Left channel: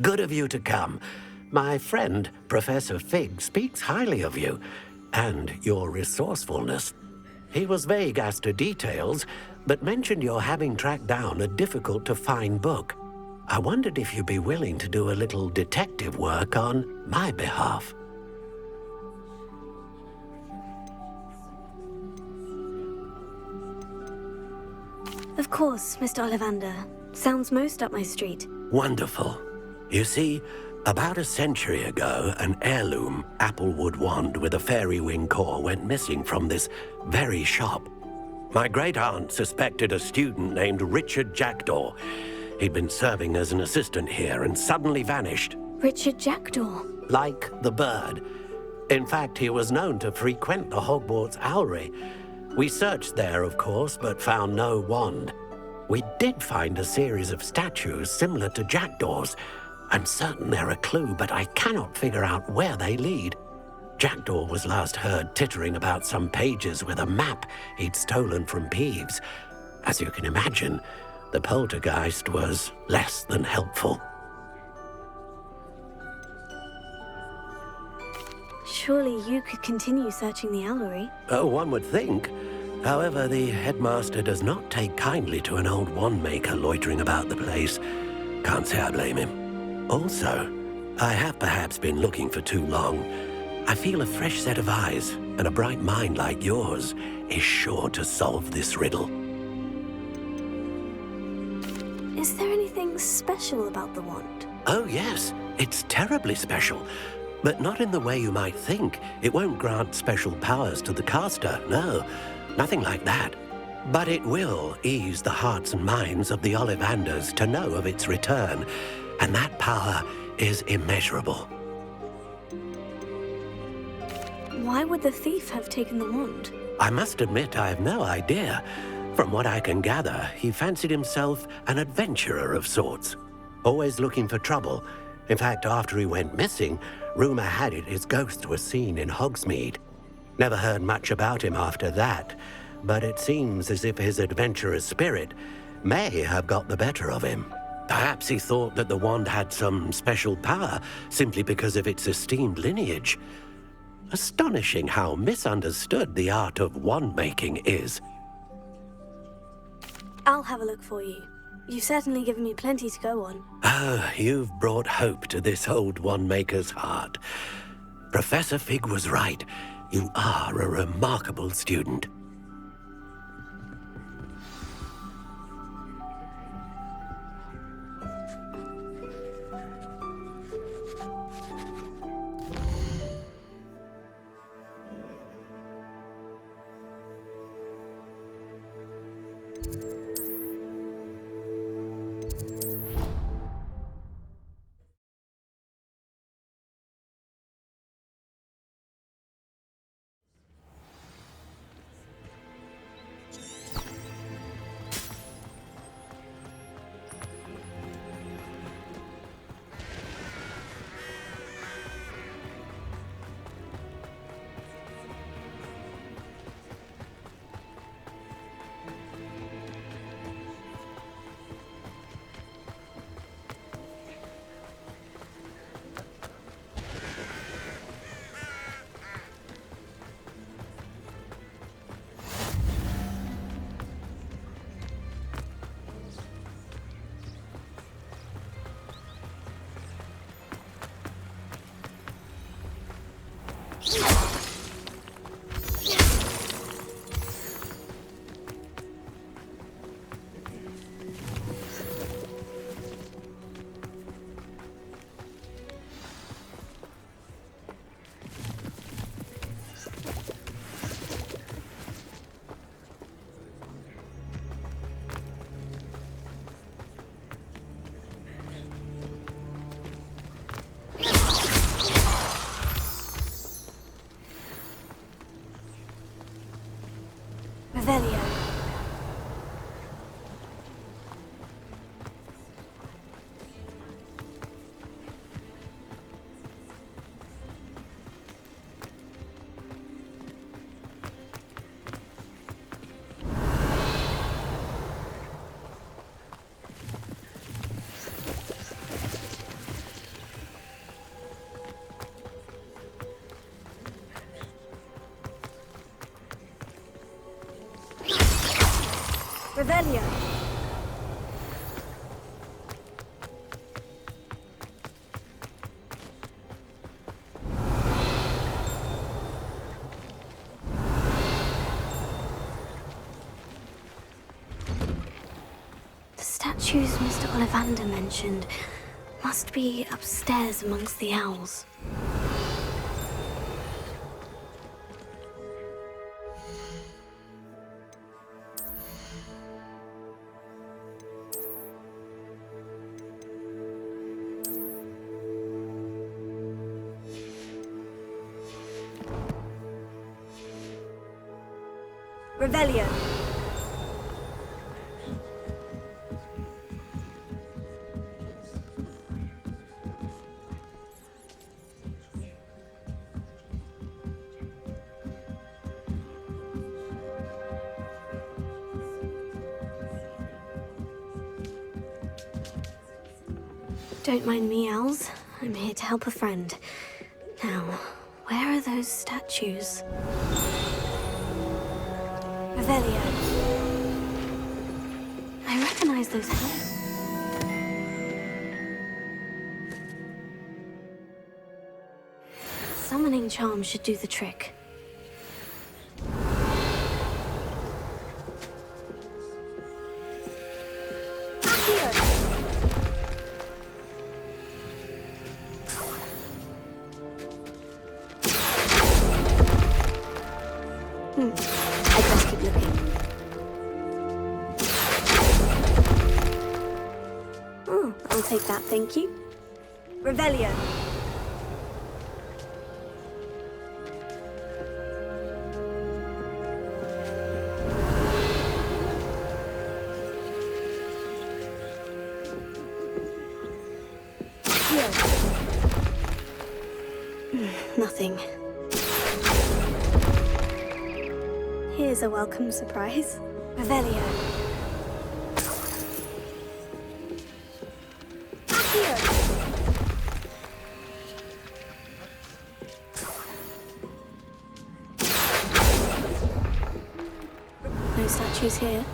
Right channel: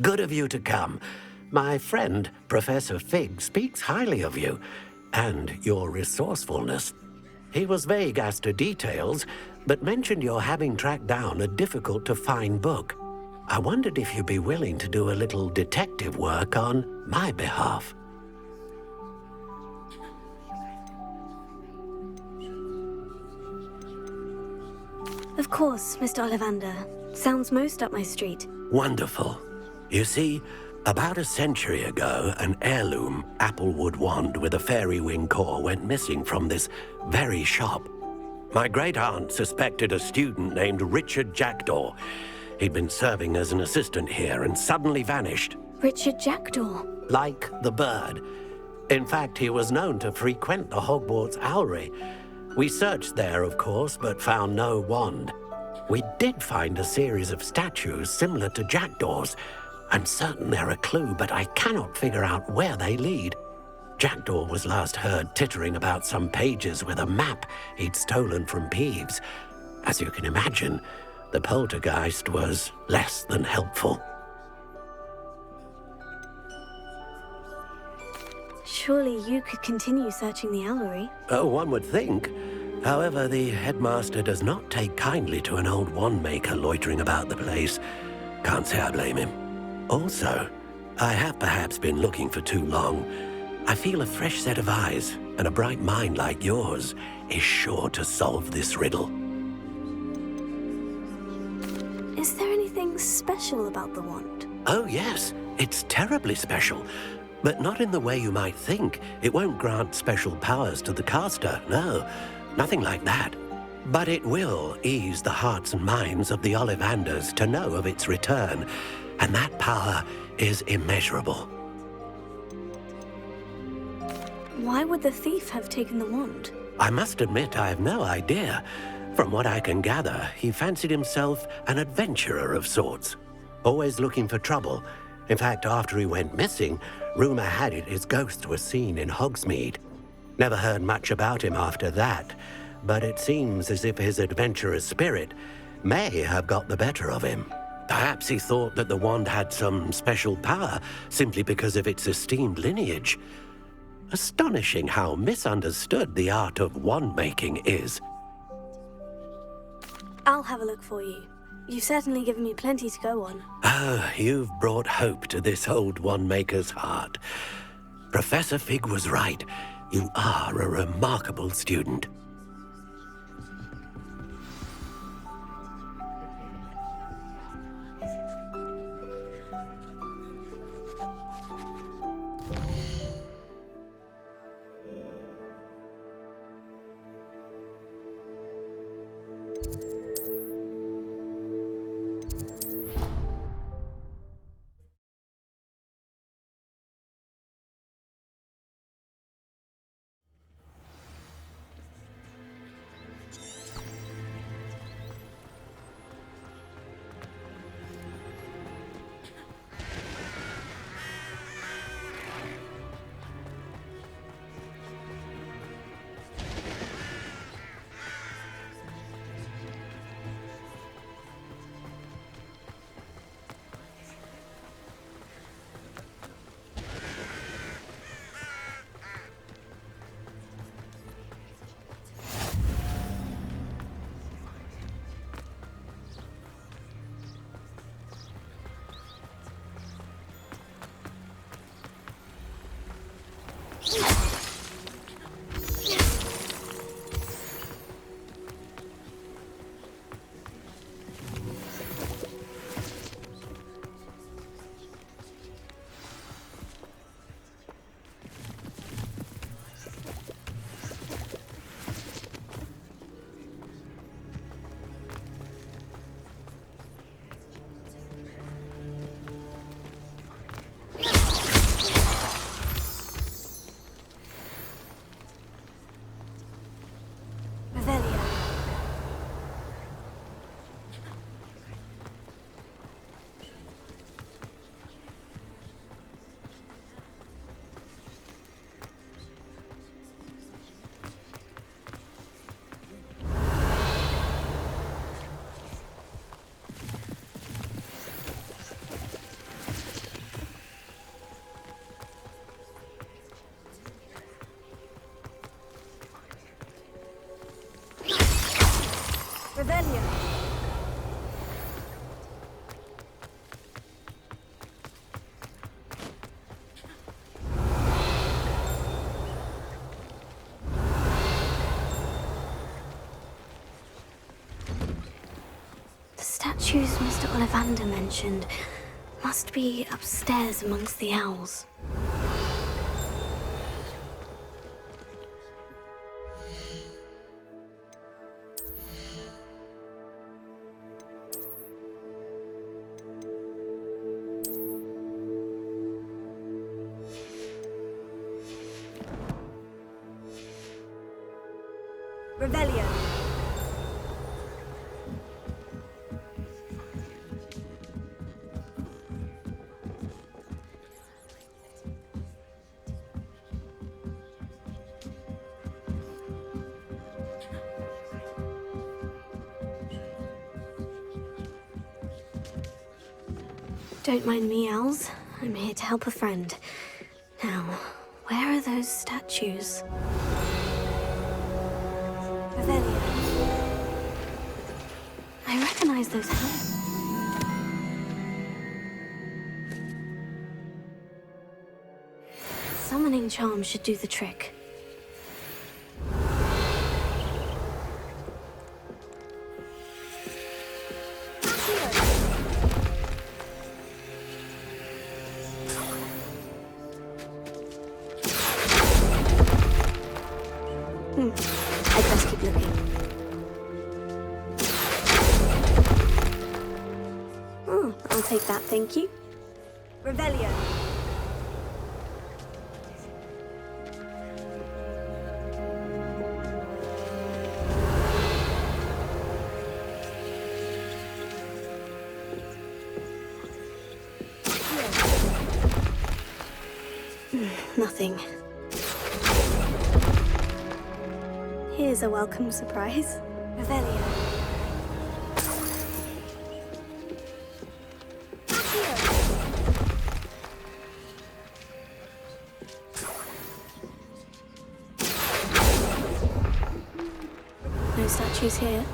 Good of you to come. My friend, Professor Fig, speaks highly of you and your resourcefulness. He was vague as to details, but mentioned your having tracked down a difficult-to-find book. I wondered if you'd be willing to do a little detective work on my behalf. Of course, Mr. Ollivander. Sounds most up my street. Wonderful. You see, about a century ago, an heirloom applewood wand with a fairy wing core went missing from this very shop. My great-aunt suspected a student named Richard Jackdaw. He'd been serving as an assistant here and suddenly vanished. Richard Jackdaw? Like the bird. In fact, he was known to frequent the Hogwarts owlery. We searched there, of course, but found no wand. We did find a series of statues similar to Jackdaw's. I'm certain they're a clue, but I cannot figure out where they lead. Jackdaw was last heard tittering about some pages with a map he'd stolen from Peeves. As you can imagine, the poltergeist was less than helpful. Surely you could continue searching the owlery. Oh, one would think. However, the headmaster does not take kindly to an old wand-maker loitering about the place. Can't say I blame him. Also, I have perhaps been looking for too long. I feel a fresh set of eyes and a bright mind like yours is sure to solve this riddle. Is there anything special about the wand? Oh, yes. It's terribly special. But not in the way you might think. It won't grant special powers to the caster, no. Nothing like that. But it will ease the hearts and minds of the Ollivanders to know of its return, and that power is immeasurable. Why would the thief have taken the wand? I must admit I have no idea. From what I can gather, he fancied himself an adventurer of sorts, always looking for trouble. In fact, after he went missing, rumor had it his ghost was seen in Hogsmeade. Never heard much about him after that, but it seems as if his adventurous spirit may have got the better of him. Perhaps he thought that the wand had some special power simply because of its esteemed lineage. Astonishing how misunderstood the art of wand-making is. I'll have a look for you. You've certainly given me plenty to go on. Oh, you've brought hope to this old wand-maker's heart. Professor Fig was right. You are a remarkable student. Revelio. The statues Mr. Ollivander mentioned must be upstairs amongst the owls. Revelio. Don't mind me, owls. I'm here to help a friend. Now, where are those statues? Revelio. I recognize those hands. Summoning charm should do the trick. I'd best keep looking. Oh, I'll take that, thank you. Revelio. Nothing. Here's a welcome surprise. Revelio. No statues here.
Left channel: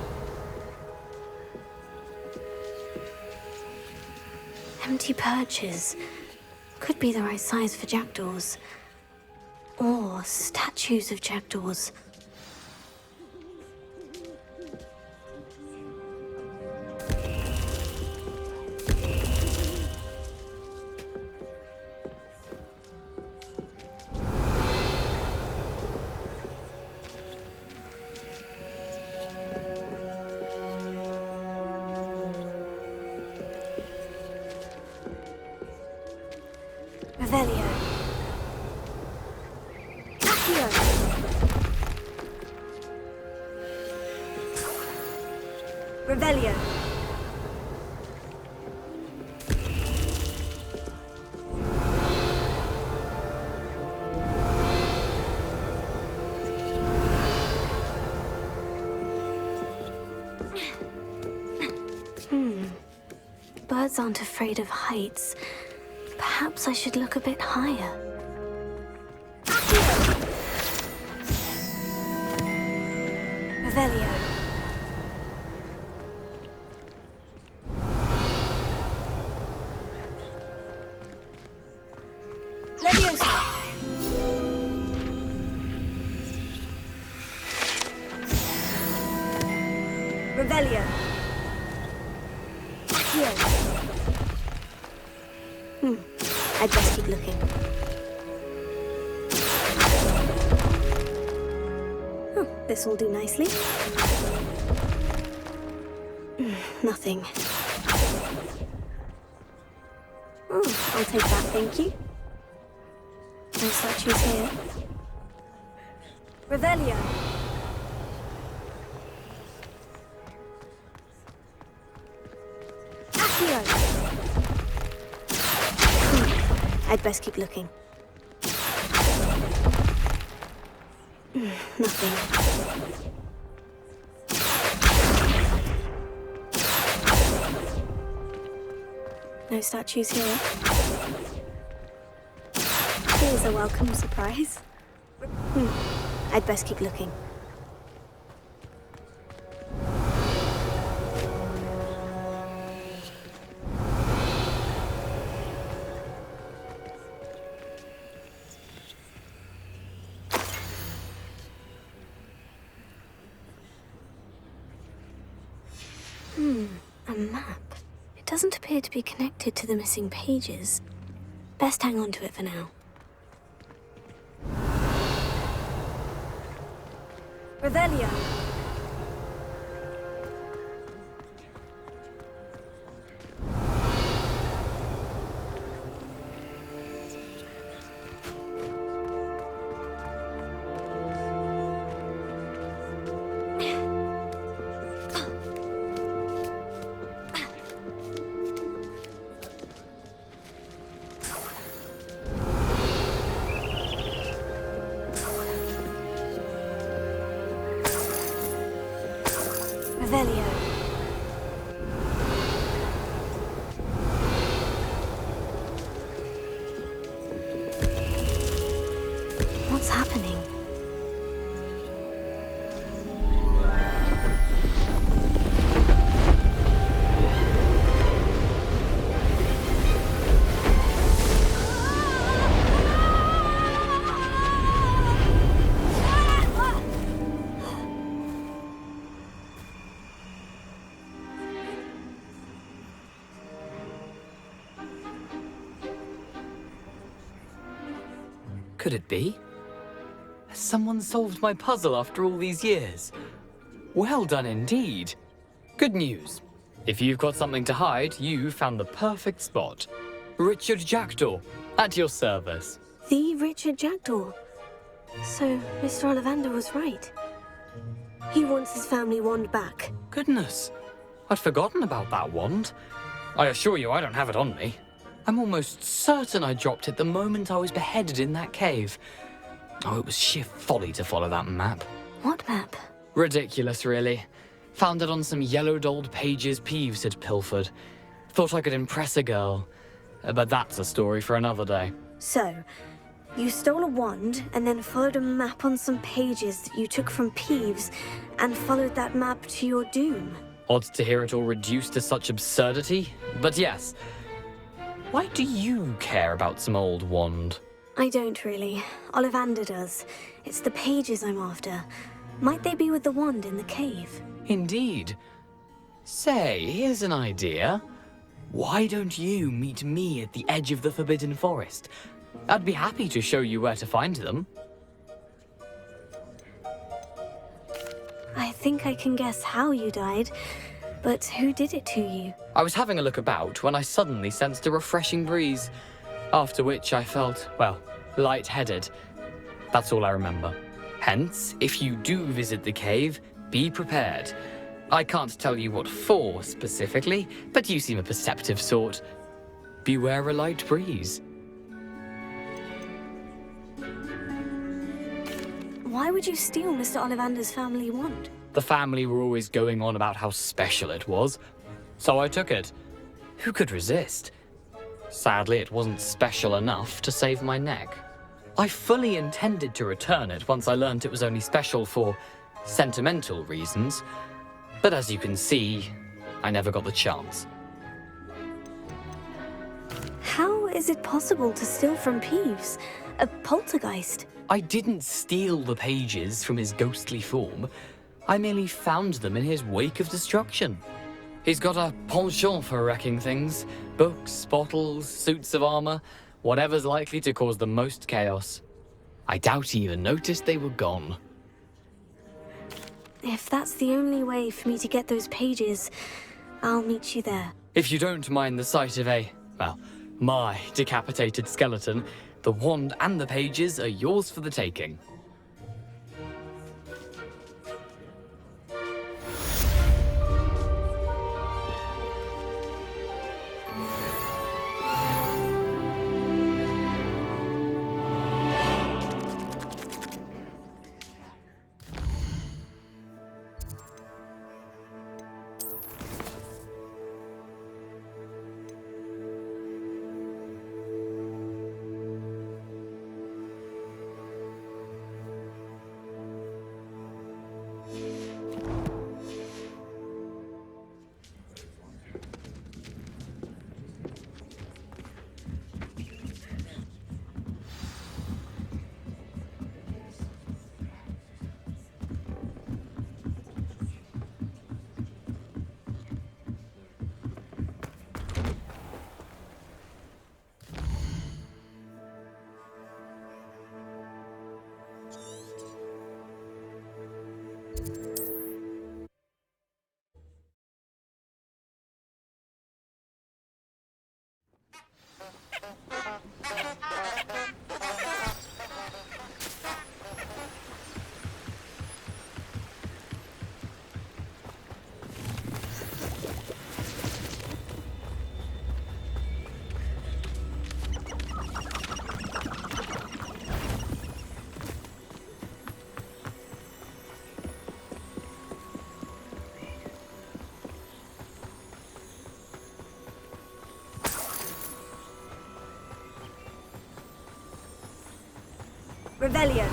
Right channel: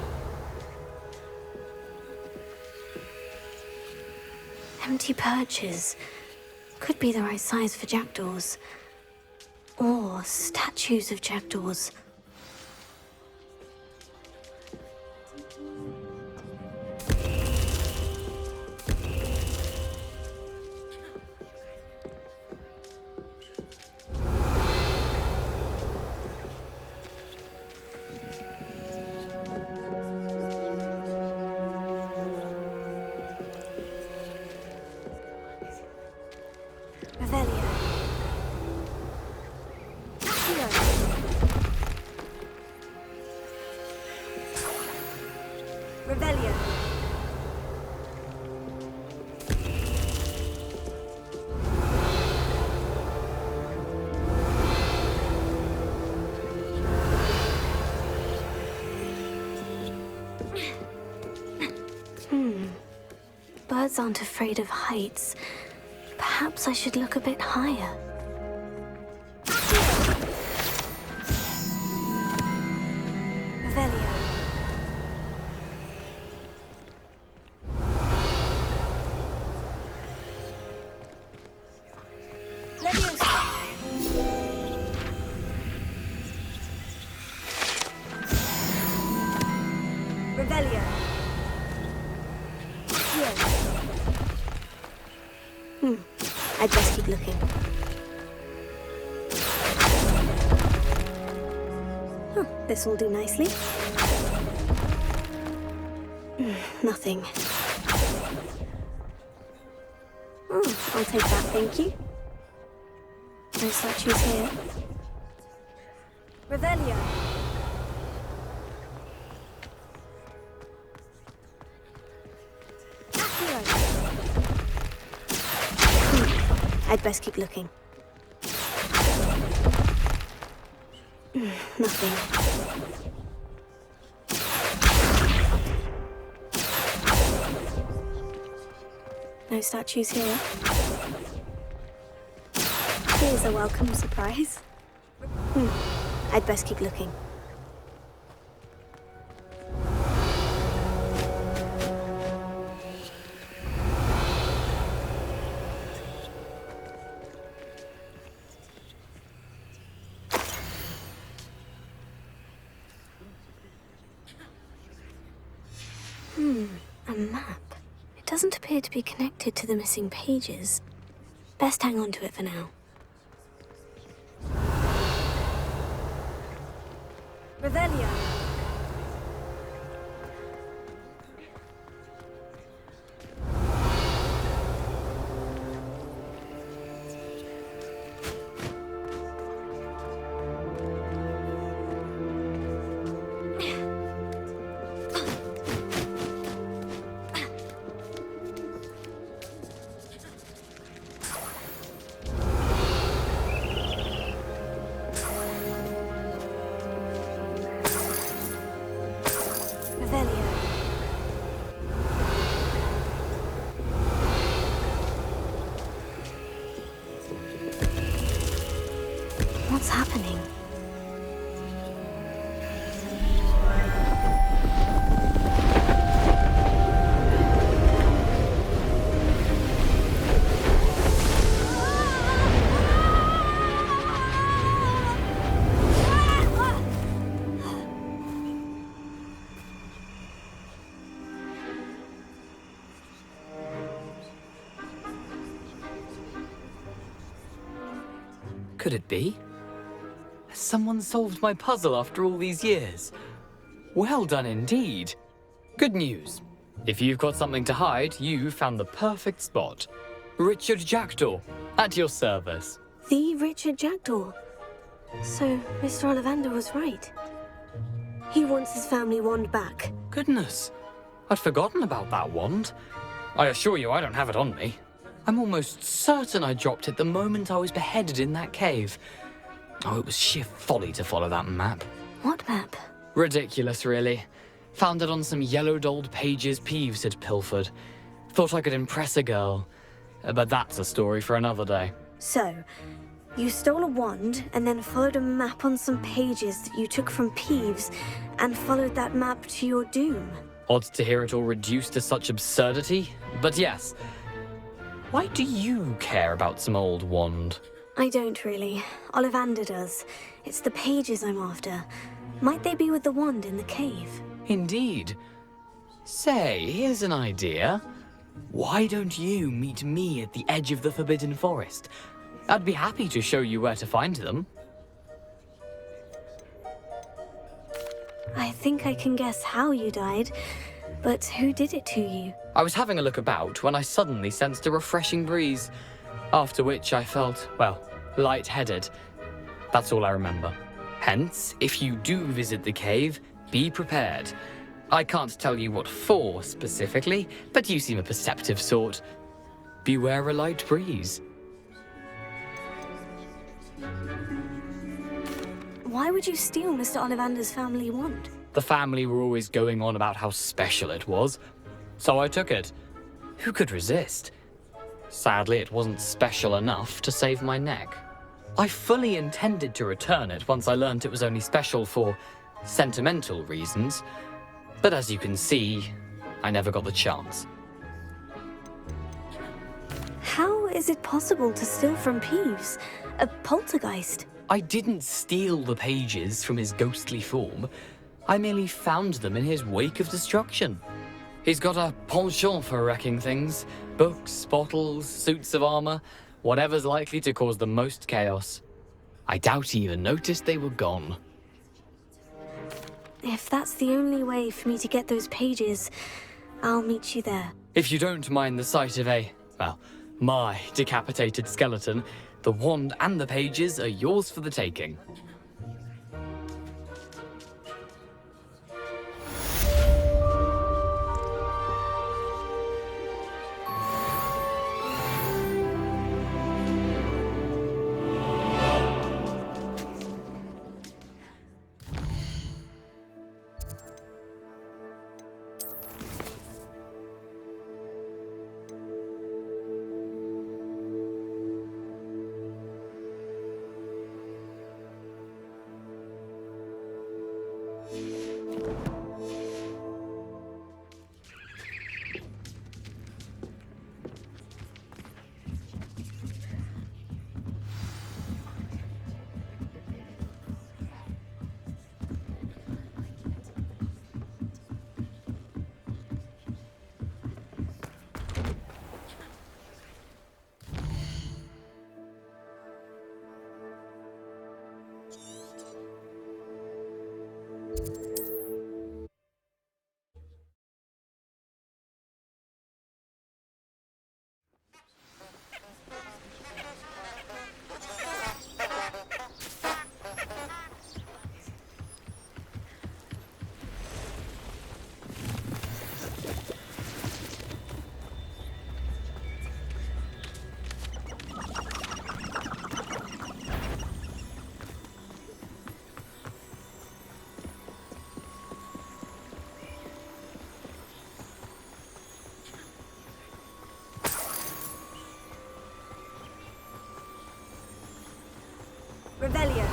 Empty perches. Could be the right size for jackdaws. Or statues of jackdaws. Revelio. Accio. Revelio. Birds aren't afraid of heights. Perhaps I should look a bit higher. Revelio. Leviosa. Revelio. I'd best keep looking. Oh, this will do nicely. Nothing. Oh, I'll take that, thank you. No statues here. Revelio. I'd best keep looking. Nothing. No statues here. Here's a welcome surprise. I'd best keep looking. doesn't appear to be connected to the missing pages. Best hang on to it for now. Revelio. Revelio. What's happening? Could it be? Has someone solved my puzzle after all these years? Well done indeed. Good news. If you've got something to hide, you found the perfect spot. Richard Jackdaw, at your service. The Richard Jackdaw. So, Mr. Ollivander was right. He wants his family wand back. Goodness, I'd forgotten about that wand. I assure you I don't have it on me. I'm almost certain I dropped it the moment I was beheaded in that cave. Oh, it was sheer folly to follow that map. What map? Ridiculous, really. Found it on some yellowed old pages Peeves had pilfered. Thought I could impress a girl. But that's a story for another day. So, you stole a wand and then followed a map on some pages that you took from Peeves and followed that map to your doom. Odd to hear it all reduced to such absurdity, but yes. Why do you care about some old wand? I don't really. Ollivander does. It's the pages I'm after. Might they be with the wand in the cave? Indeed. Say, here's an idea. Why don't you meet me at the edge of the Forbidden Forest? I'd be happy to show you where to find them. I think I can guess how you died, but who did it to you? I was having a look about when I suddenly sensed a refreshing breeze, after which I felt, well, lightheaded. That's all I remember. Hence, if you do visit the cave, be prepared. I can't tell you what for specifically, but you seem a perceptive sort. Beware a light breeze. Why would you steal Mr. Ollivander's family wand? The family were always going on about how special it was, so I took it. Who could resist? Sadly, it wasn't special enough to save my neck. I fully intended to return it once I learned it was only special for sentimental reasons, but as you can see, I never got the chance. How is it possible to steal from Peeves? A poltergeist? I didn't steal the pages from his ghostly form. I merely found them in his wake of destruction. He's got a penchant for wrecking things. Books, bottles, suits of armor, whatever's likely to cause the most chaos. I doubt he even noticed they were gone. If that's the only way for me to get those pages, I'll meet you there. If you don't mind the sight of my decapitated skeleton, the wand and the pages are yours for the taking. Revelio.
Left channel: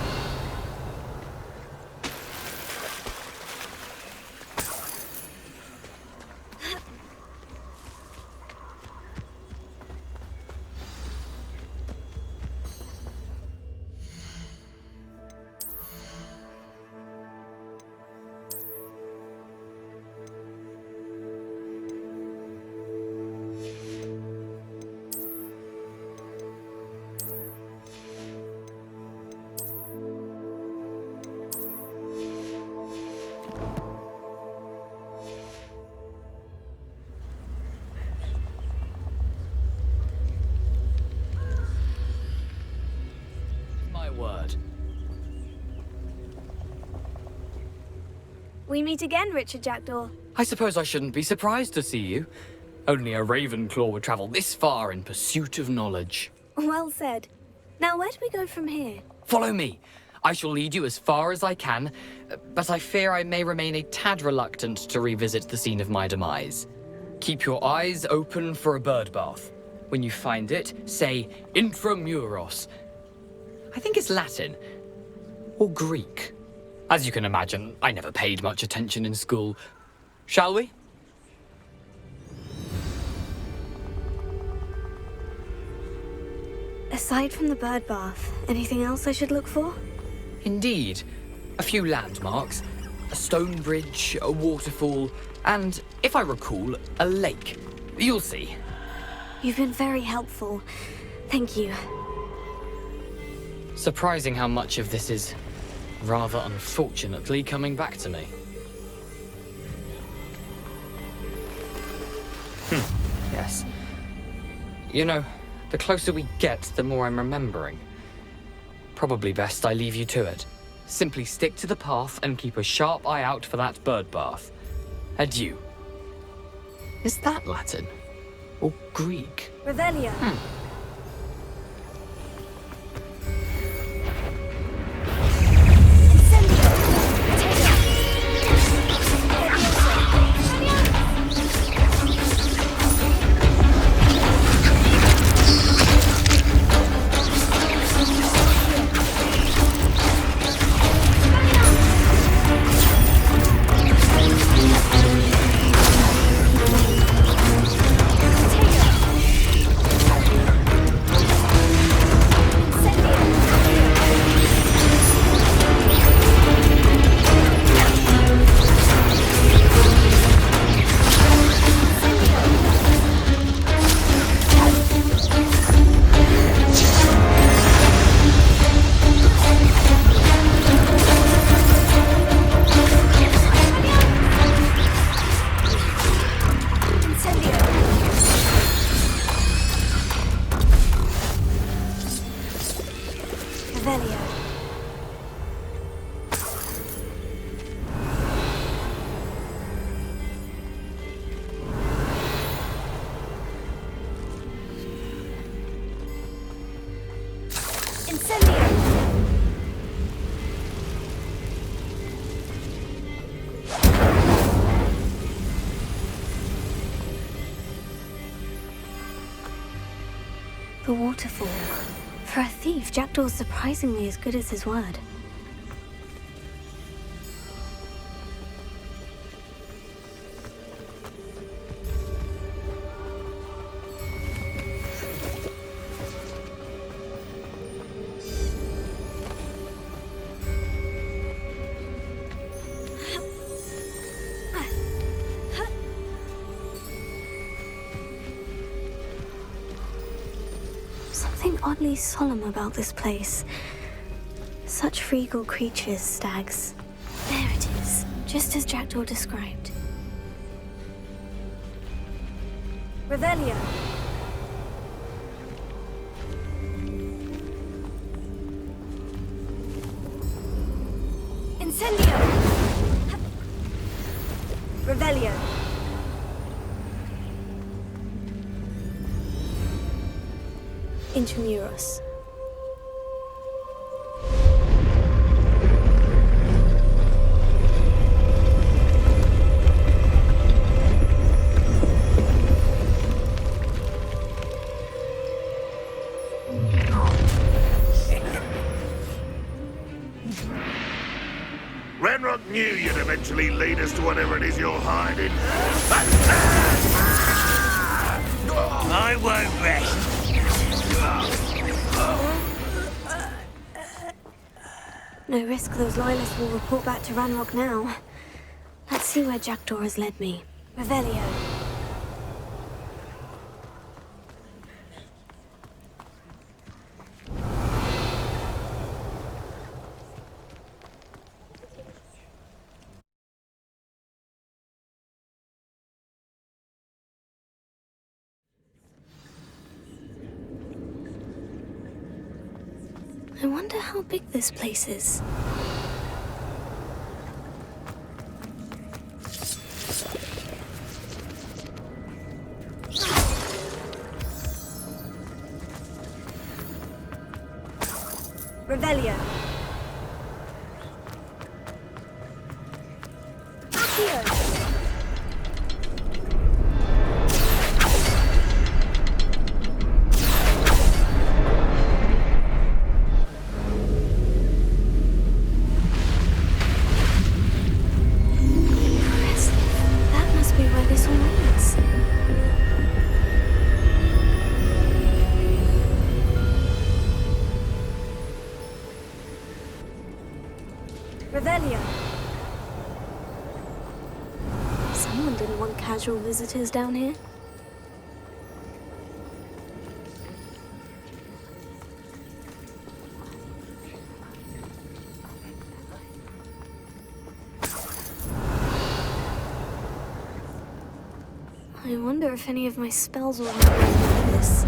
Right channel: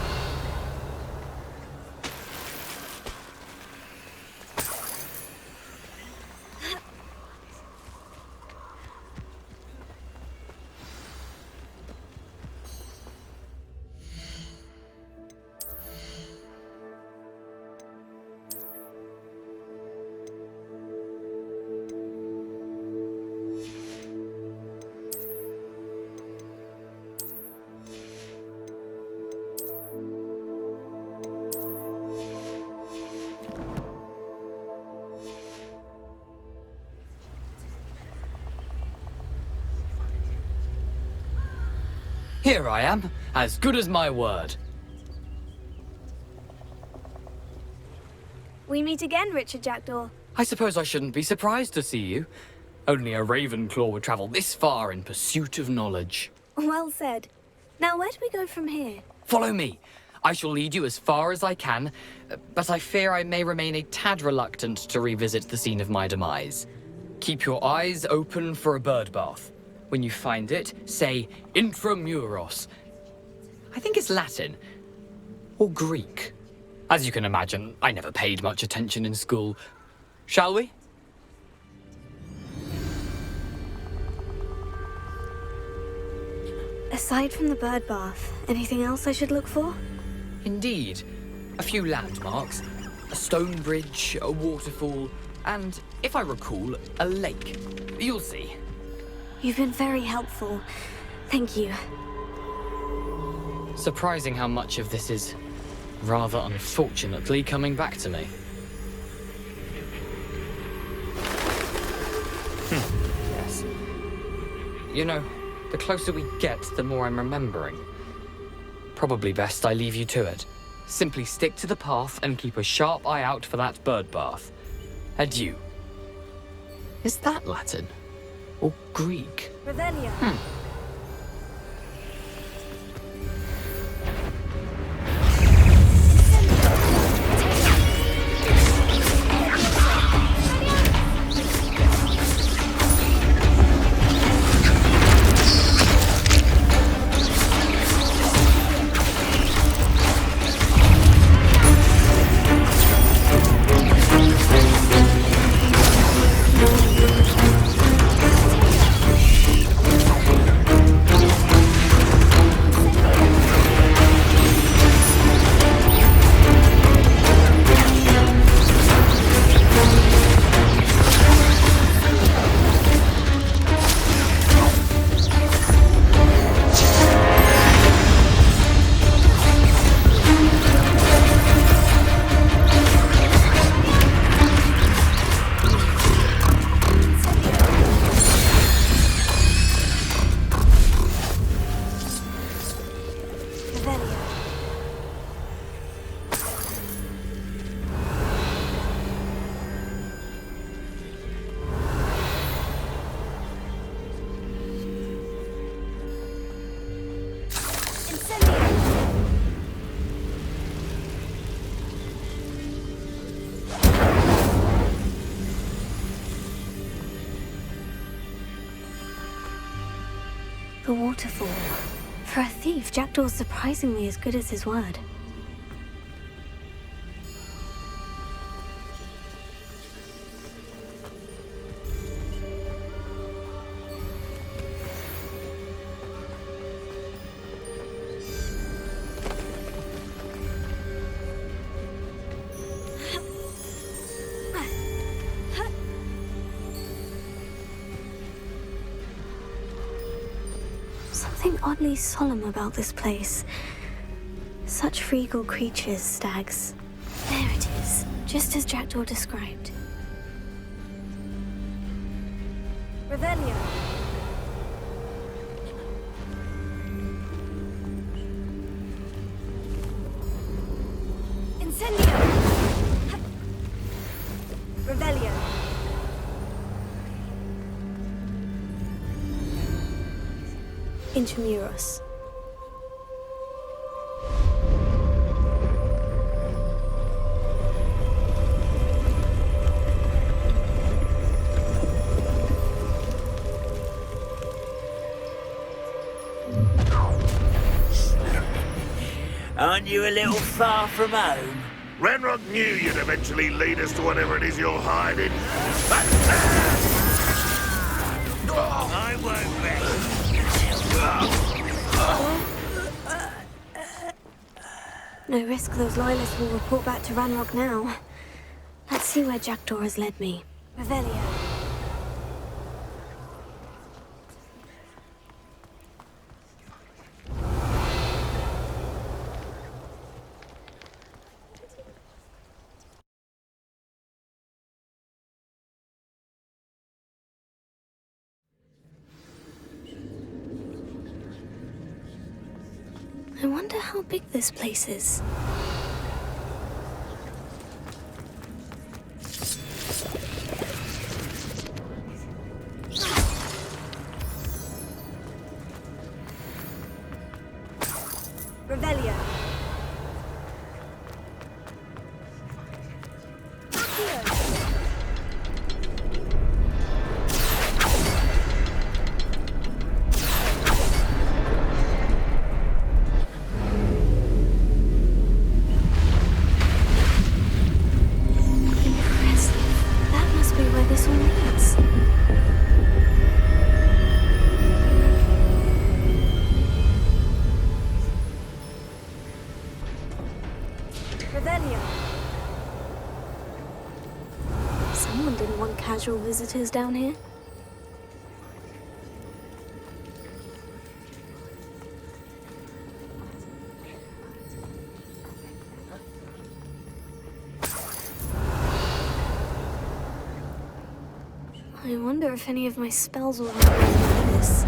Here I am, as good as my word. We meet again, Richard Jackdaw. I suppose I shouldn't be surprised to see you. Only a Ravenclaw would travel this far in pursuit of knowledge. Well said. Now, where do we go from here? Follow me. I shall lead you as far as I can, but I fear I may remain a tad reluctant to revisit the scene of my demise. Keep your eyes open for a bird bath. When you find it, say intramuros. I think it's Latin. Or Greek. As you can imagine, I never paid much attention in school. Shall we? Aside from the bird bath, anything else I should look for? Indeed. A few landmarks. A stone bridge, a waterfall, and, if I recall, a lake. You'll see. You've been very helpful. Thank you. Surprising how much of this is, rather unfortunately, coming back to me. Yes. You know, the closer we get, the more I'm remembering. Probably best I leave you to it. Simply stick to the path and keep a sharp eye out for that bird bath. Adieu. Is that Latin? Or Greek? Revelio. The waterfall. For a thief, Jackdaw's surprisingly as good as his word. Something oddly solemn about this place. Such regal creatures, stags. There it is, just as Jackdaw described. Revelio. Incendio. Revelio. Intramuros. Aren't you a little far from home? Ranrock knew you'd eventually lead us to whatever it is you're hiding. I won't rest. No risk those loyalists will report back to Ranrock now. Let's see where Jackdaw has led me. Revelio. I wonder how big this place is. Revelio. This all leads. Revelio. Someone didn't want casual visitors down here. I wonder if any of my spells will help me with this.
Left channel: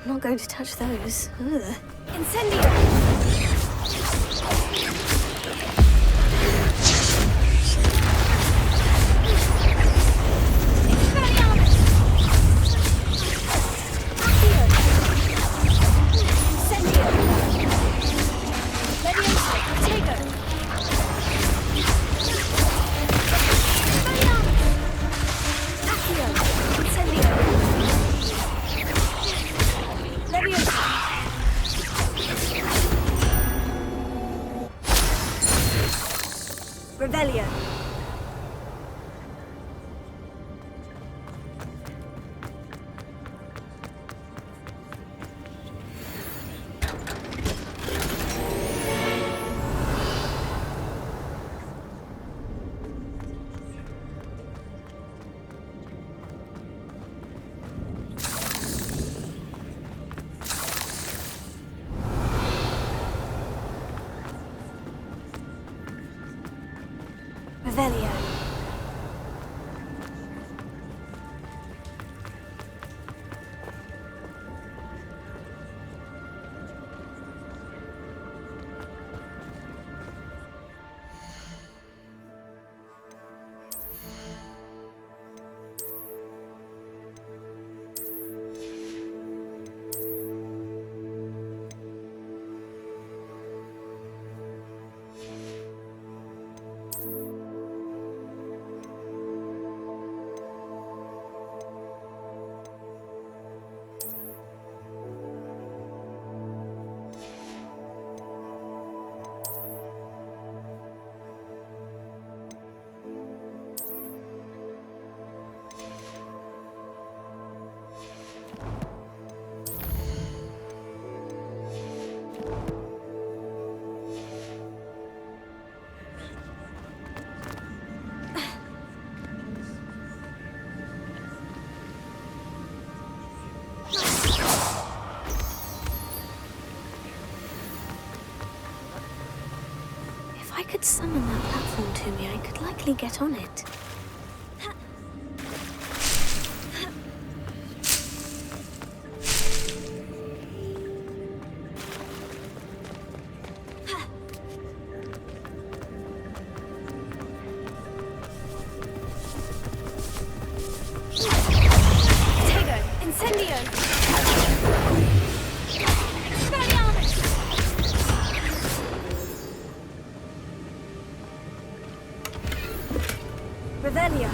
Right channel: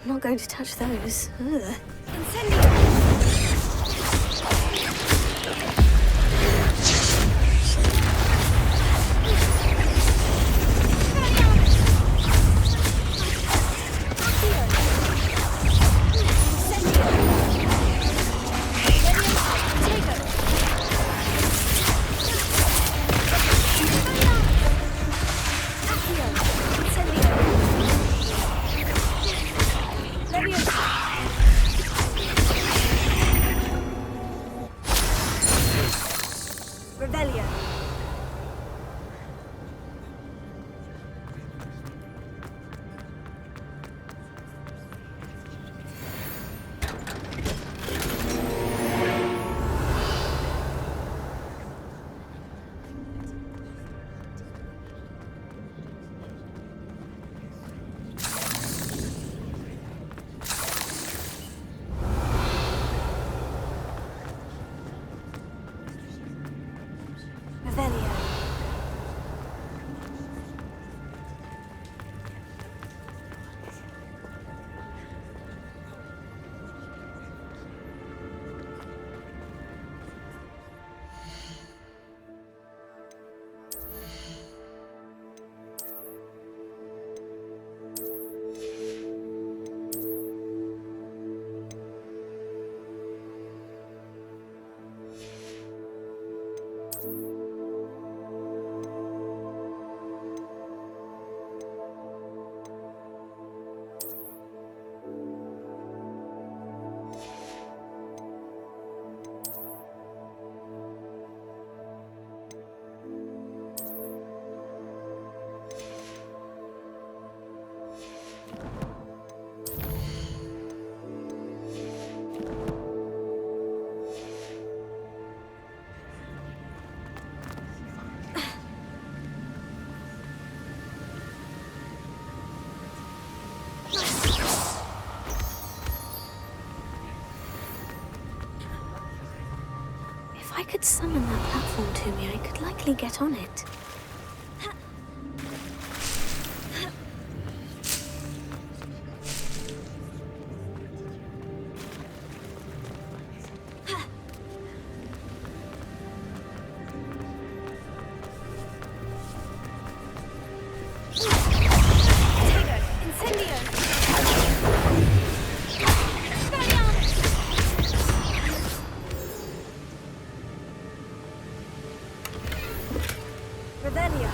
I'm not going to touch those. Ugh. Incendio! Revelio. Revelio. could summon that platform to me, I could likely get on it. Revelio.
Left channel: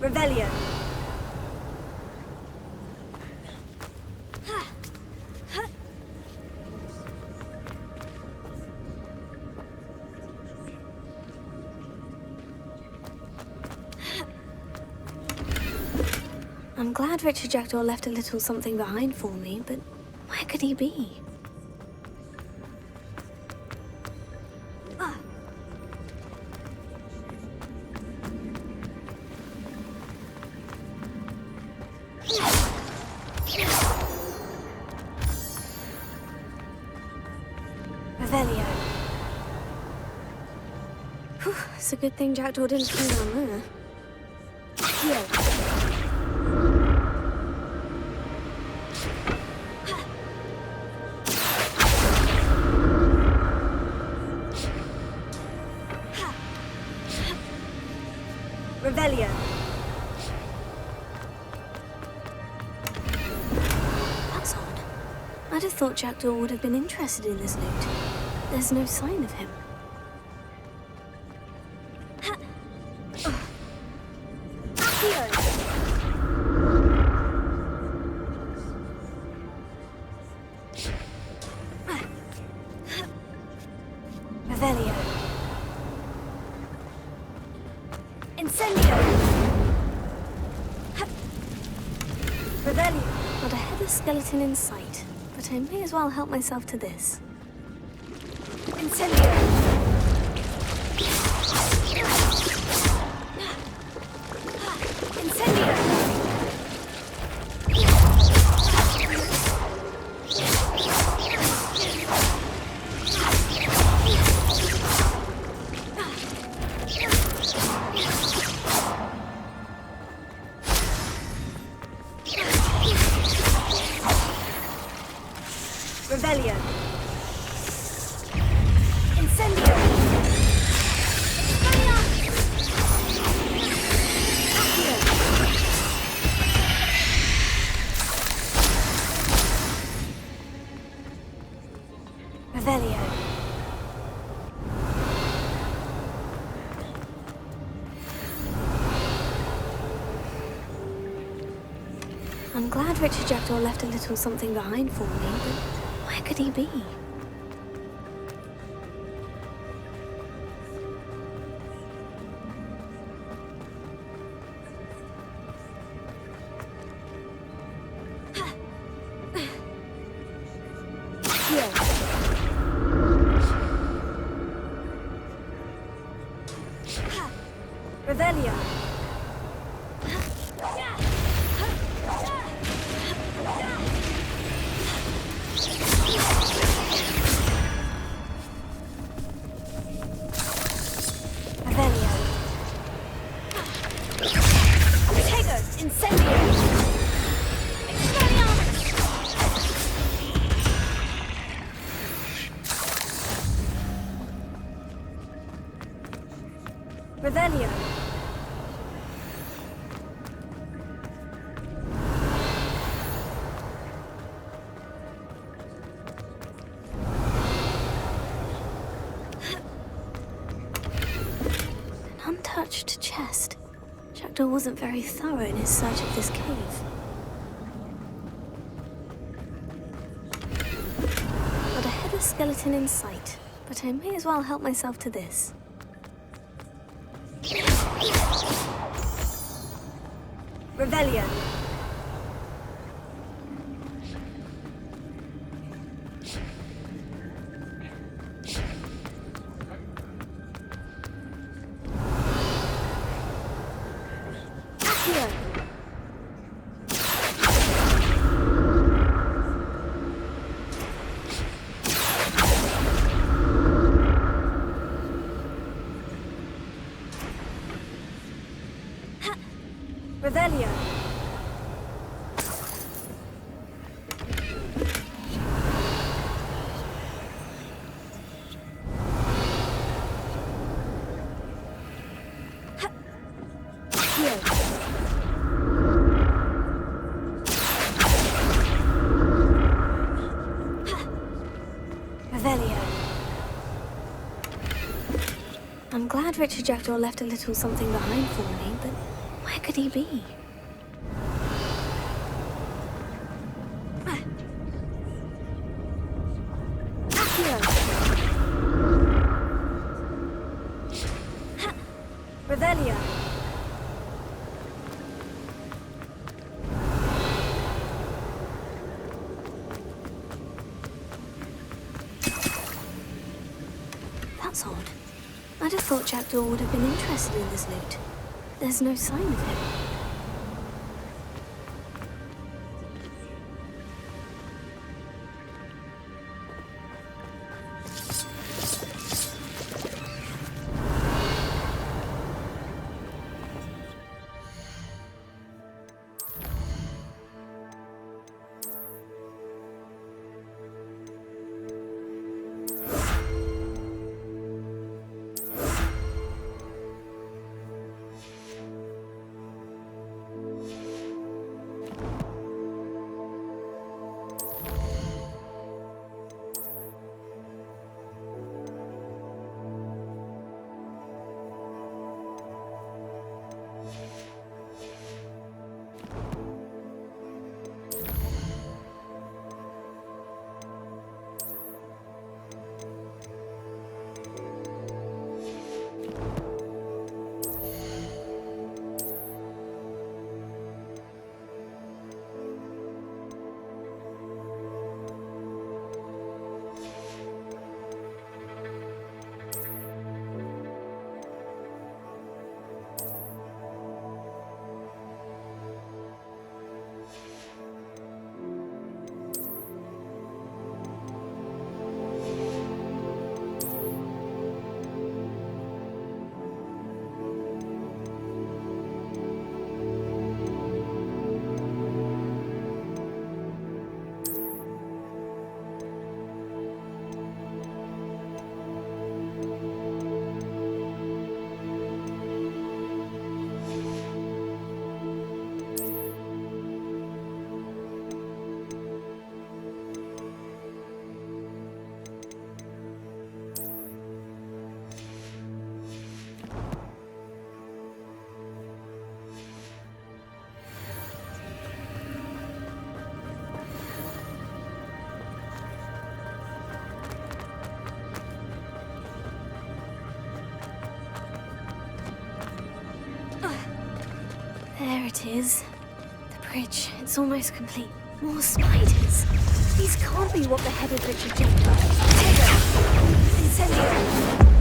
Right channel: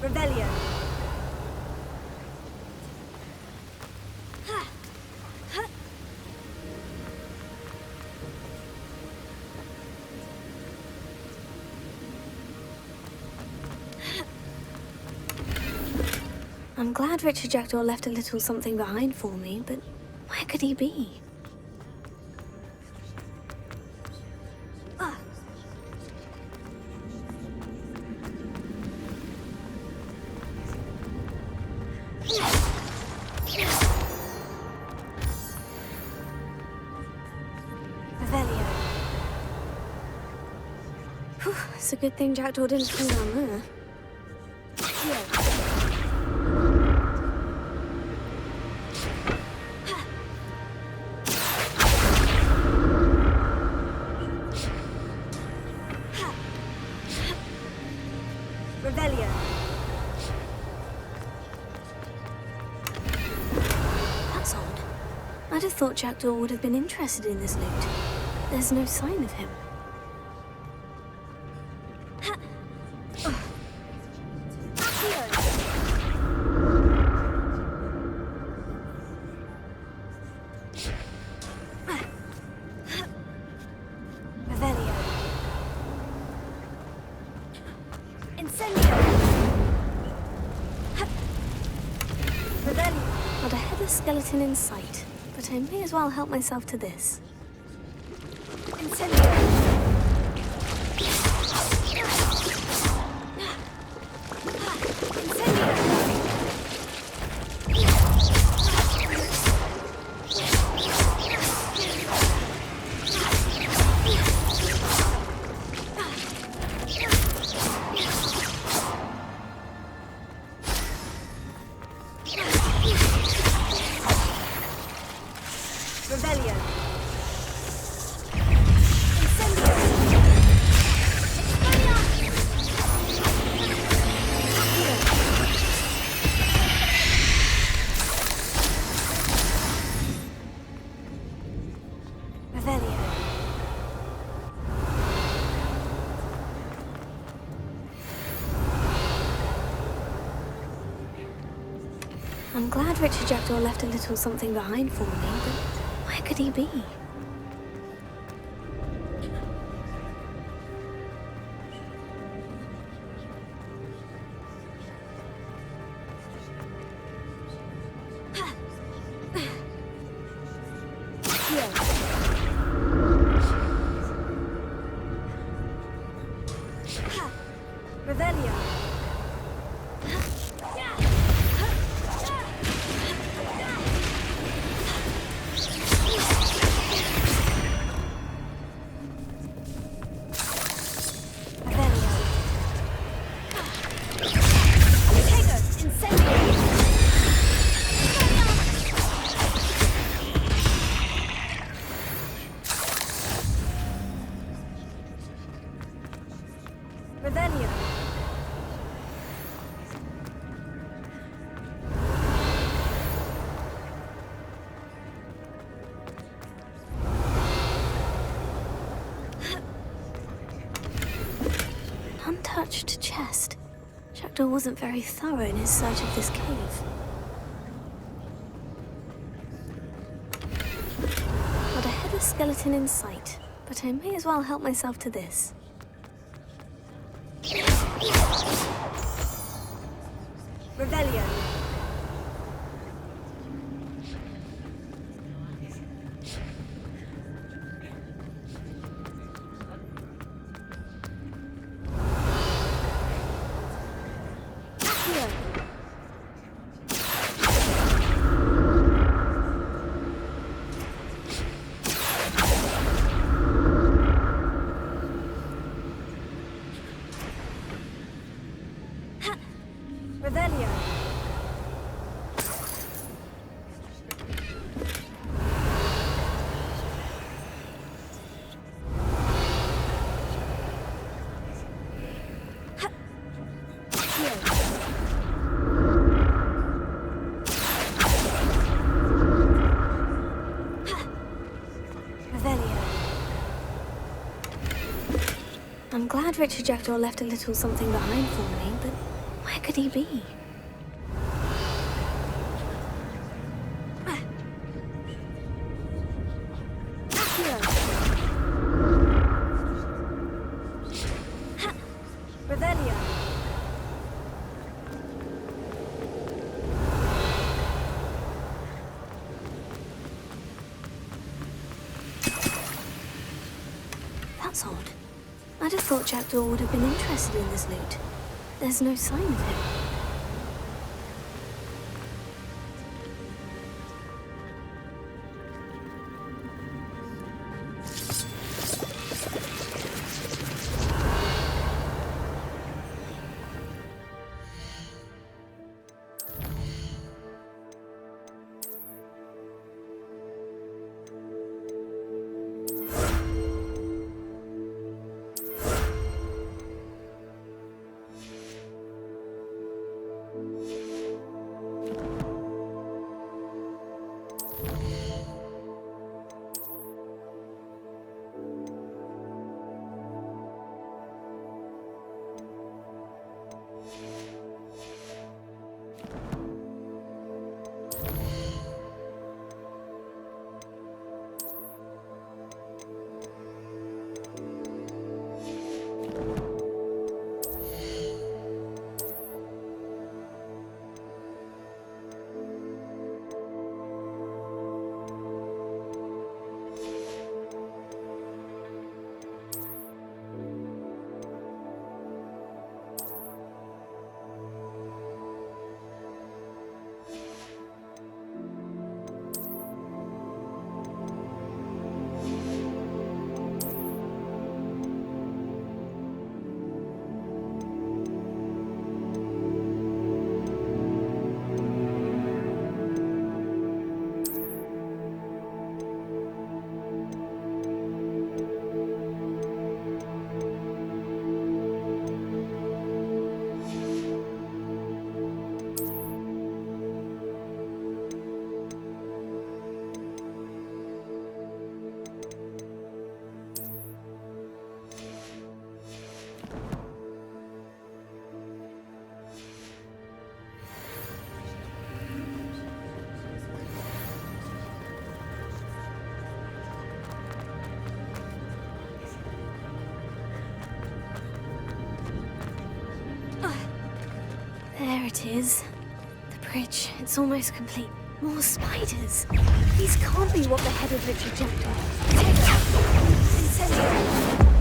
Revelio. I'm glad Richard Jackdaw left a little something behind for me, but where could he be? Revelio. Whew, it's a good thing Jackdaw didn't come down there. Here. Revelio. That's odd. I'd have thought Jackdaw would have been interested in this loot. There's no sign of him. Revelio. Incendio. Revelio. Not a headless skeleton in sight, but I may as well help myself to this. Incendio. Incendio. Revelio. Incendio. Expelliarmus. Accio. Revelio. I'm glad Richard Jackdaw left a little something behind for me, but where could he be? Revelio. Revelio. An untouched chest. Jackdaw wasn't very thorough in his search of this cave. Not a headless skeleton in sight, but I may as well help myself to this. Revelio. Accio. Revelio. Revelio. I'm glad Richard Jackdaw left a little something behind for me, but where could he be? Revelio. That's odd. I'd have thought Jackdaw would have been interested in this loot. There's no sign of him. it is. The bridge, it's almost complete. More spiders. These can't be what beheaded Richard Jackdaw. Tego! Incendio!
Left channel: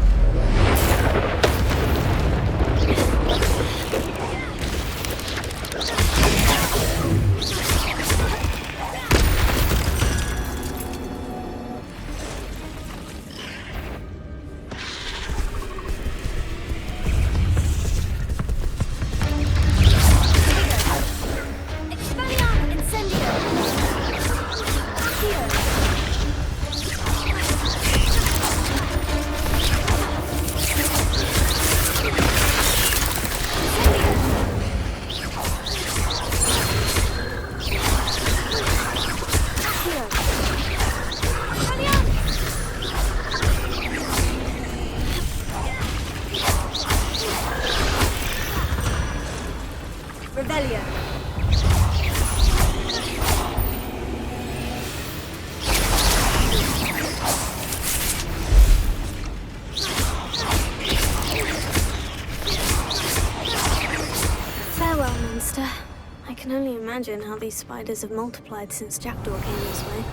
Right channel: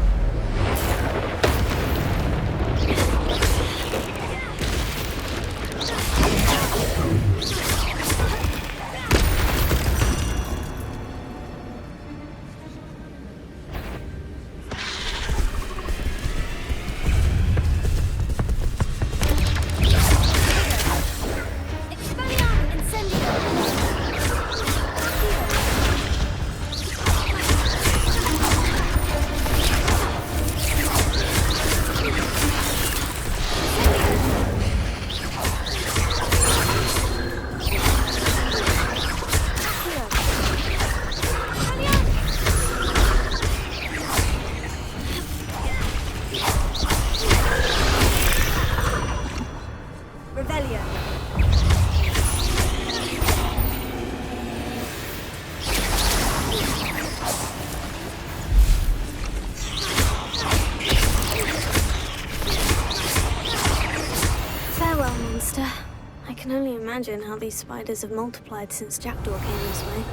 I can only imagine how these spiders have multiplied since Jackdaw came this way.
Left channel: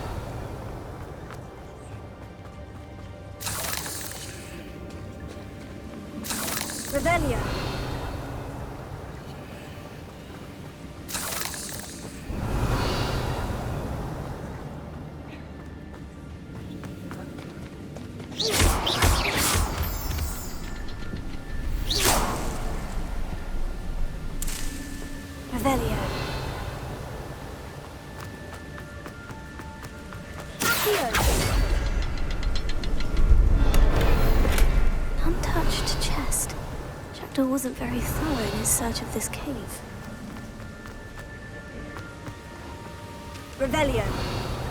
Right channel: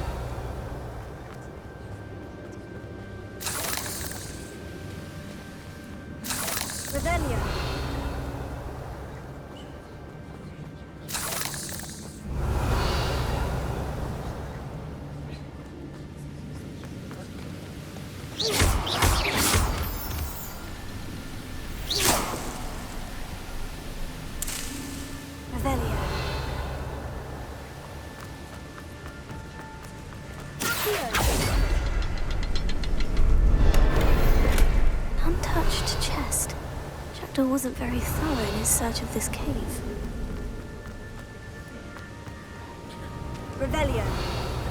Revelio! Revelio. Untouched chest. Jackdaw wasn't very thorough in his search of this cave. Revelio.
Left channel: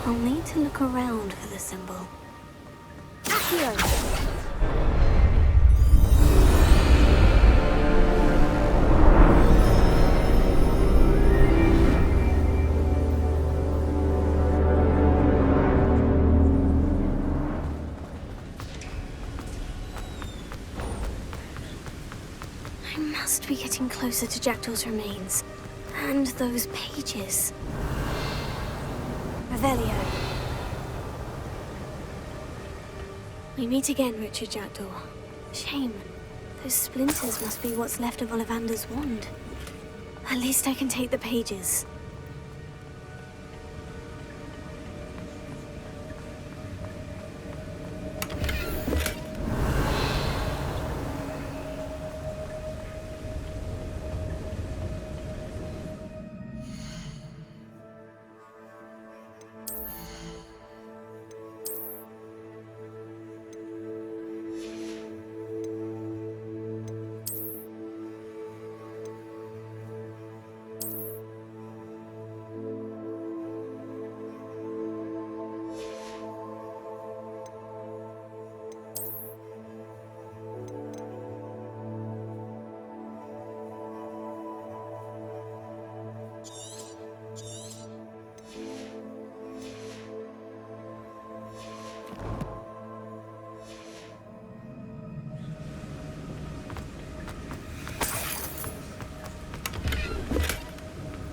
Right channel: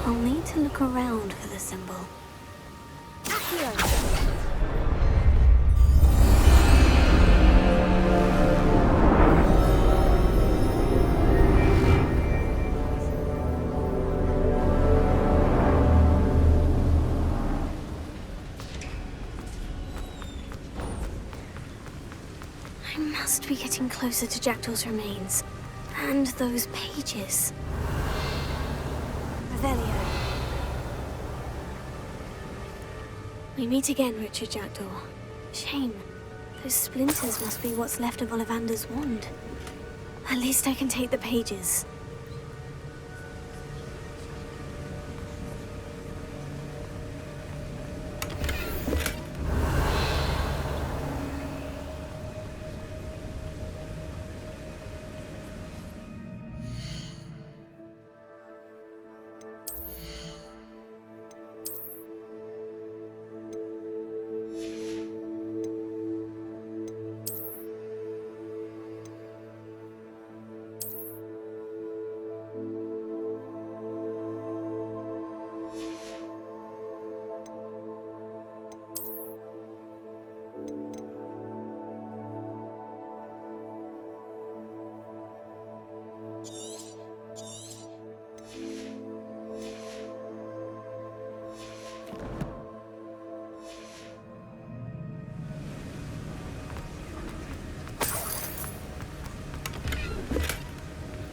I'll need to look around for the symbol. Accio. I must be getting closer to Jackdaw's remains. And those pages. Revelio. We meet again, Richard Jackdaw. Shame. Those splinters must be what's left of Ollivander's wand. At least I can take the pages.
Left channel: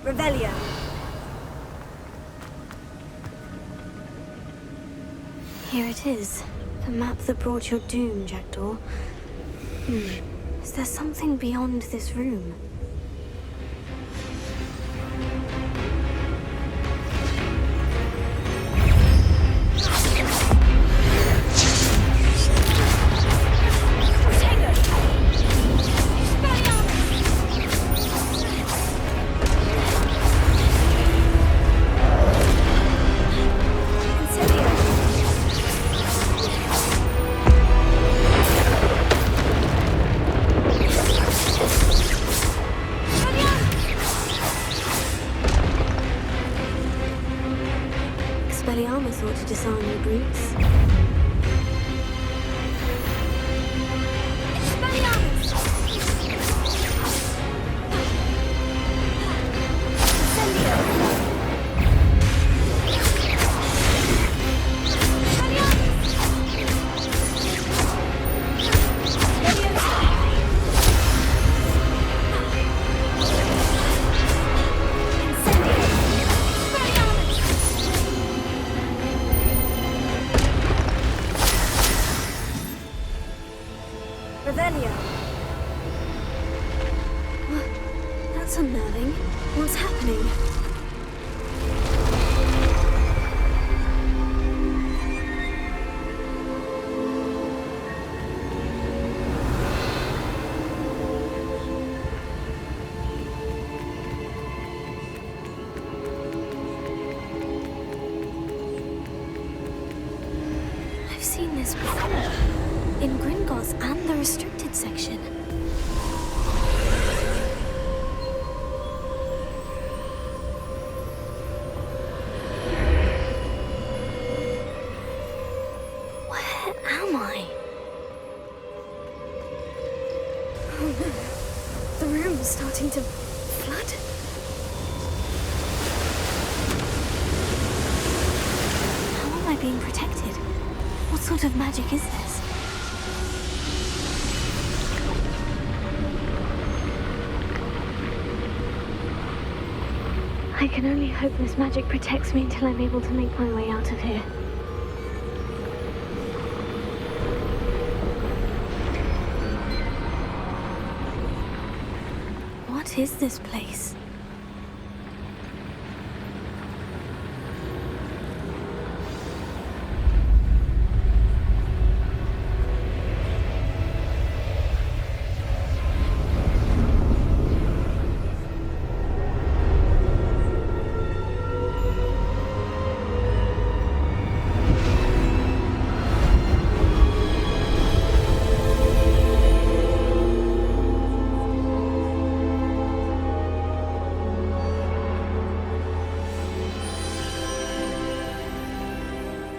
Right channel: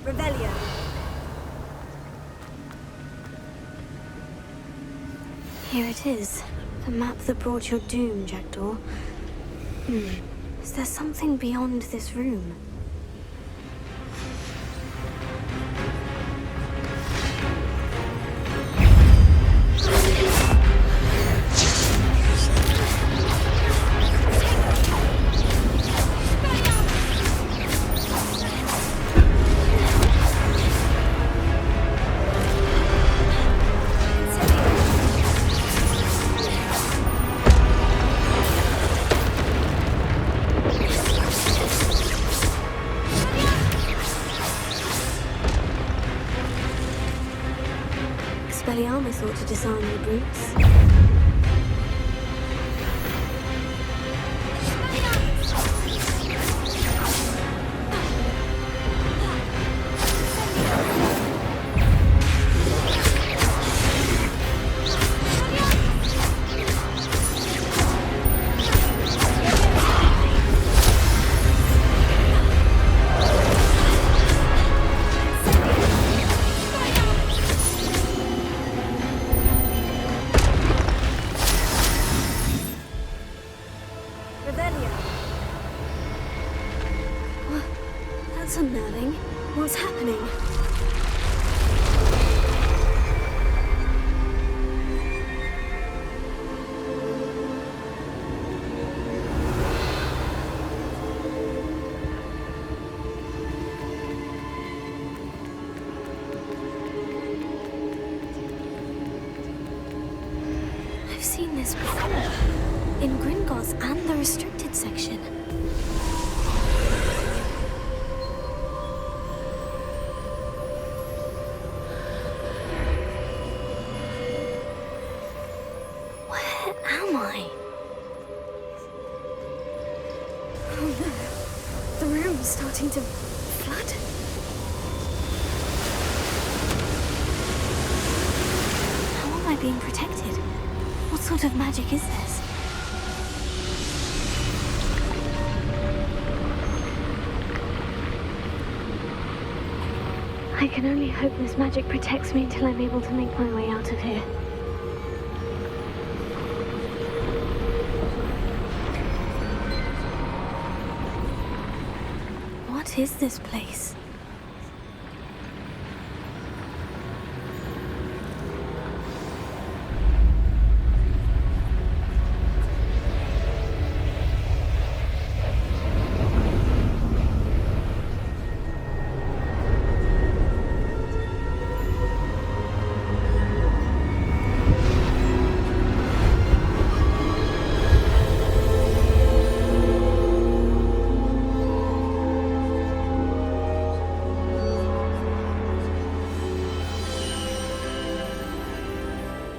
Revelio. Here it is. The map that brought your doom, Jackdaw. Is there something beyond this room? Expelliarmus thought to disarm you brutes. What's happening? I've seen this before. In Gringotts and the restricted section. Where am I? Oh no. The room's starting to flood. How am I being protected? What sort of magic is this? I can only hope this magic protects me until I'm able to make my way out of here. What is this place?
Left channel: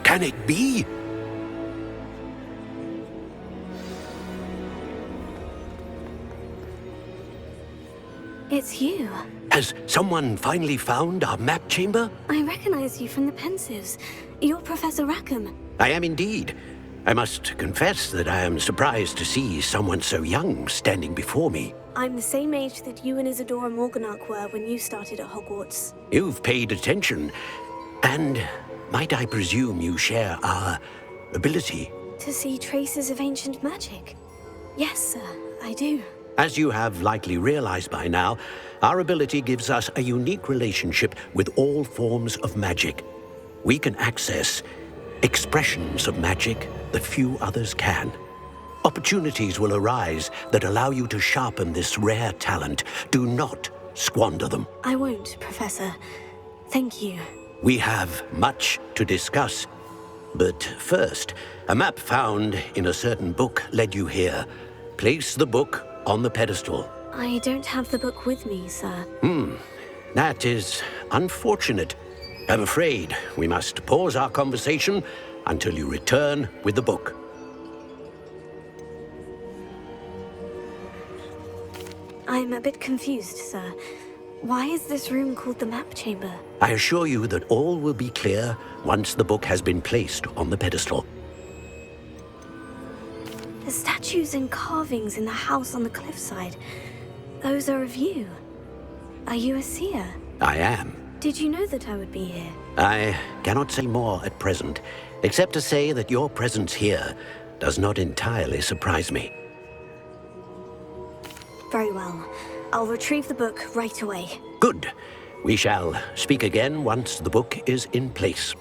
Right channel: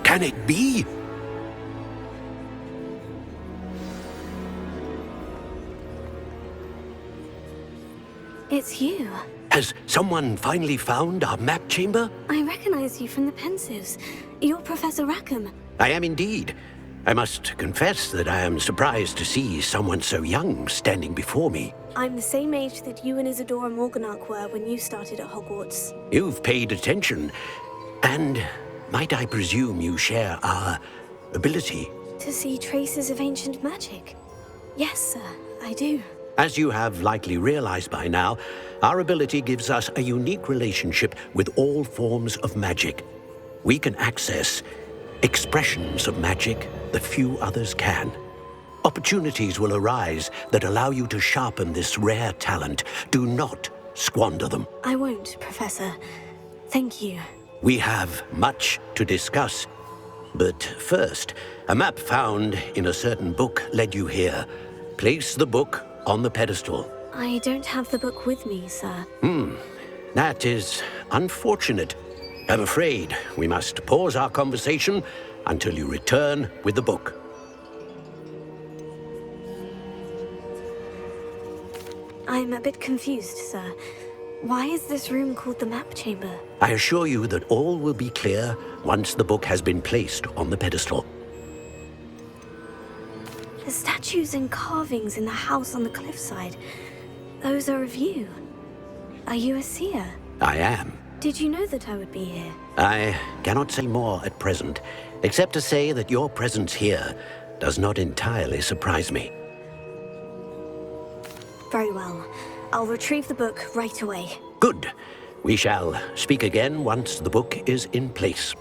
Can it be? It's you. Has someone finally found our map chamber? I recognize you from the Pensives. You're Professor Rackham. I am indeed. I must confess that I am surprised to see someone so young standing before me. I'm the same age that you and Isadora Morganach were when you started at Hogwarts. You've paid attention, and might I presume you share our ability? To see traces of ancient magic? Yes, sir, I do. As you have likely realized by now, our ability gives us a unique relationship with all forms of magic. We can access expressions of magic that few others can. Opportunities will arise that allow you to sharpen this rare talent. Do not squander them. I won't, Professor. Thank you. We have much to discuss. But first, a map found in a certain book led you here. Place the book on the pedestal. I don't have the book with me, sir. That is unfortunate. I'm afraid we must pause our conversation until you return with the book. I'm a bit confused, sir. Why is this room called the map chamber? I assure you that all will be clear once the book has been placed on the pedestal. The statues and carvings in the house on the cliffside, those are of you. Are you a seer? I am. Did you know that I would be here? I cannot say more at present, except to say that your presence here does not entirely surprise me. Very well. I'll retrieve the book right away. Good. We shall speak again once the book is in place.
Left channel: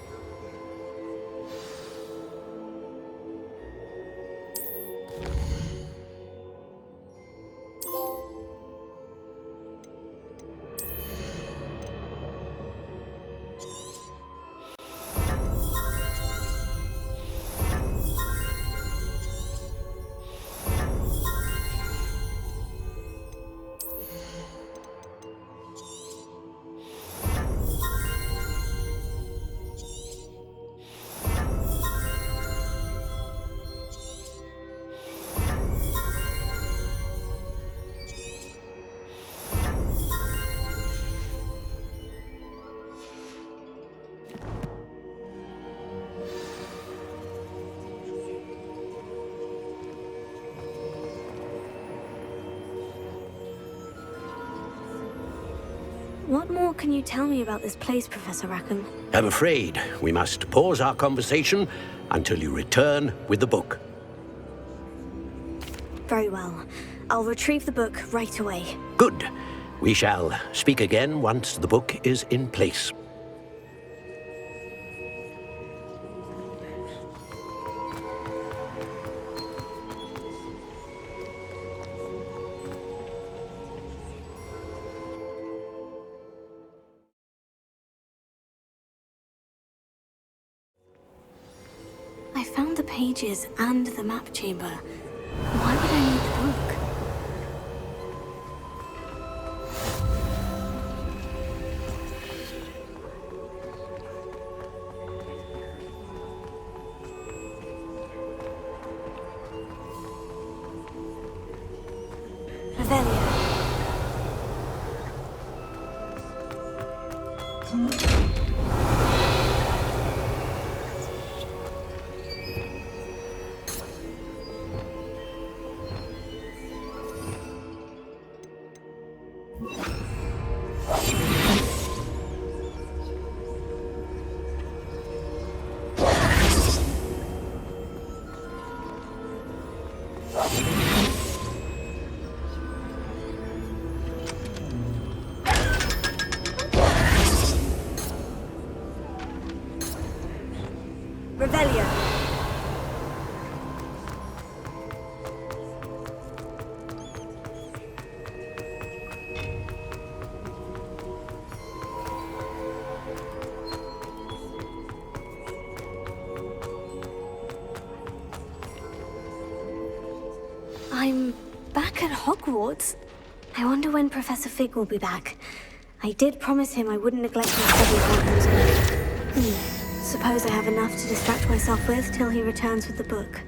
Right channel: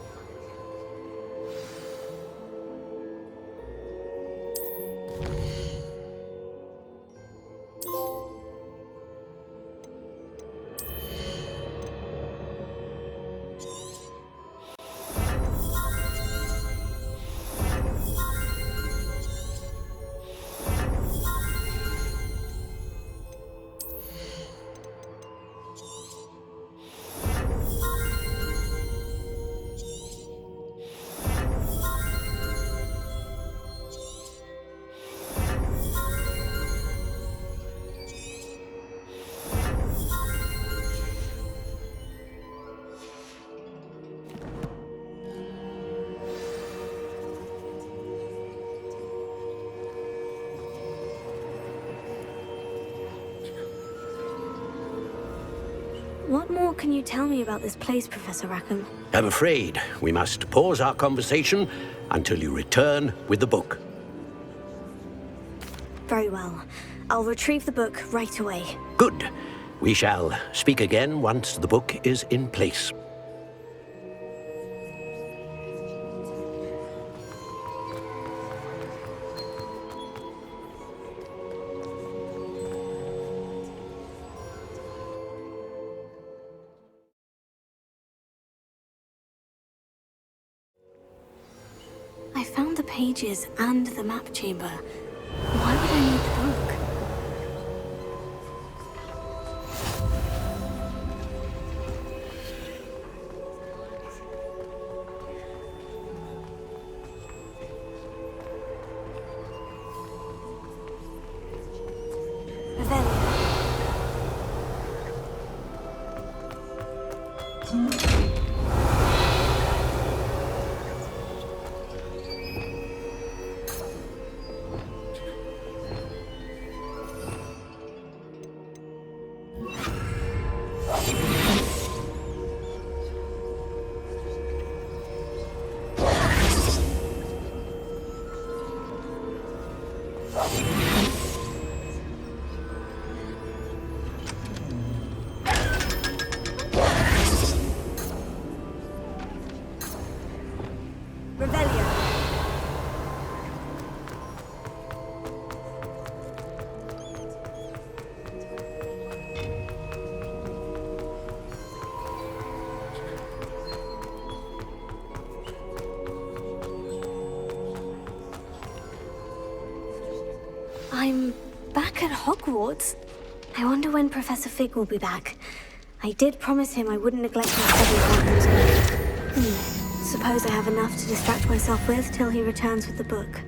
What more can you tell me about this place, Professor Rackham? I'm afraid we must pause our conversation until you return with the book. Very well. I'll retrieve the book right away. Good. We shall speak again once the book is in place. I found the pages and the map chamber. Why would I need the book? I'm back at Hogwarts. I wonder when Professor Fig will be back. I did promise him I wouldn't neglect my studies while he was gone. Suppose I have enough to distract myself with till he returns with the book.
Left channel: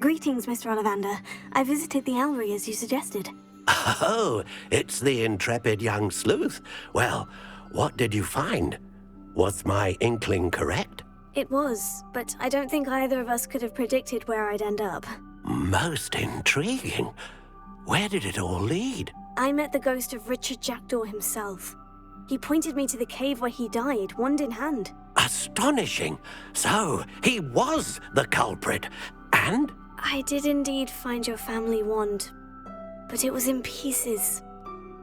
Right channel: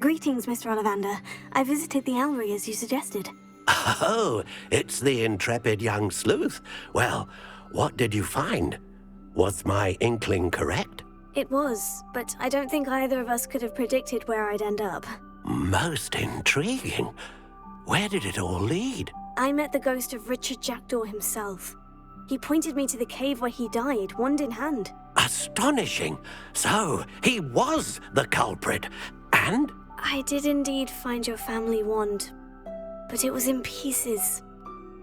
Greetings, Mr. Ollivander. I visited the Owlery as you suggested. Oh, it's the intrepid young sleuth. Well, what did you find? Was my inkling correct? It was, but I don't think either of us could have predicted where I'd end up. Most intriguing. Where did it all lead? I met the ghost of Richard Jackdaw himself. He pointed me to the cave where he died, wand in hand. Astonishing. So, he was the culprit. And? I did indeed find your family wand, but it was in pieces,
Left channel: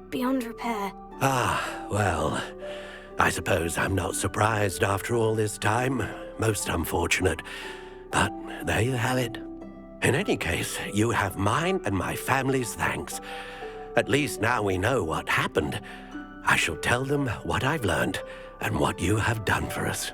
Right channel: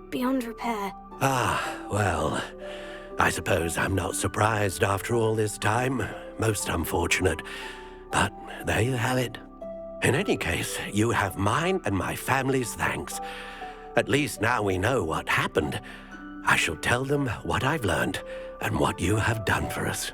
beyond repair. Ah, well, I suppose I'm not surprised after all this time. Most unfortunate. But there you have it. In any case, you have mine and my family's thanks. At least now we know what happened. I shall tell them what I've learned and what you have done for us.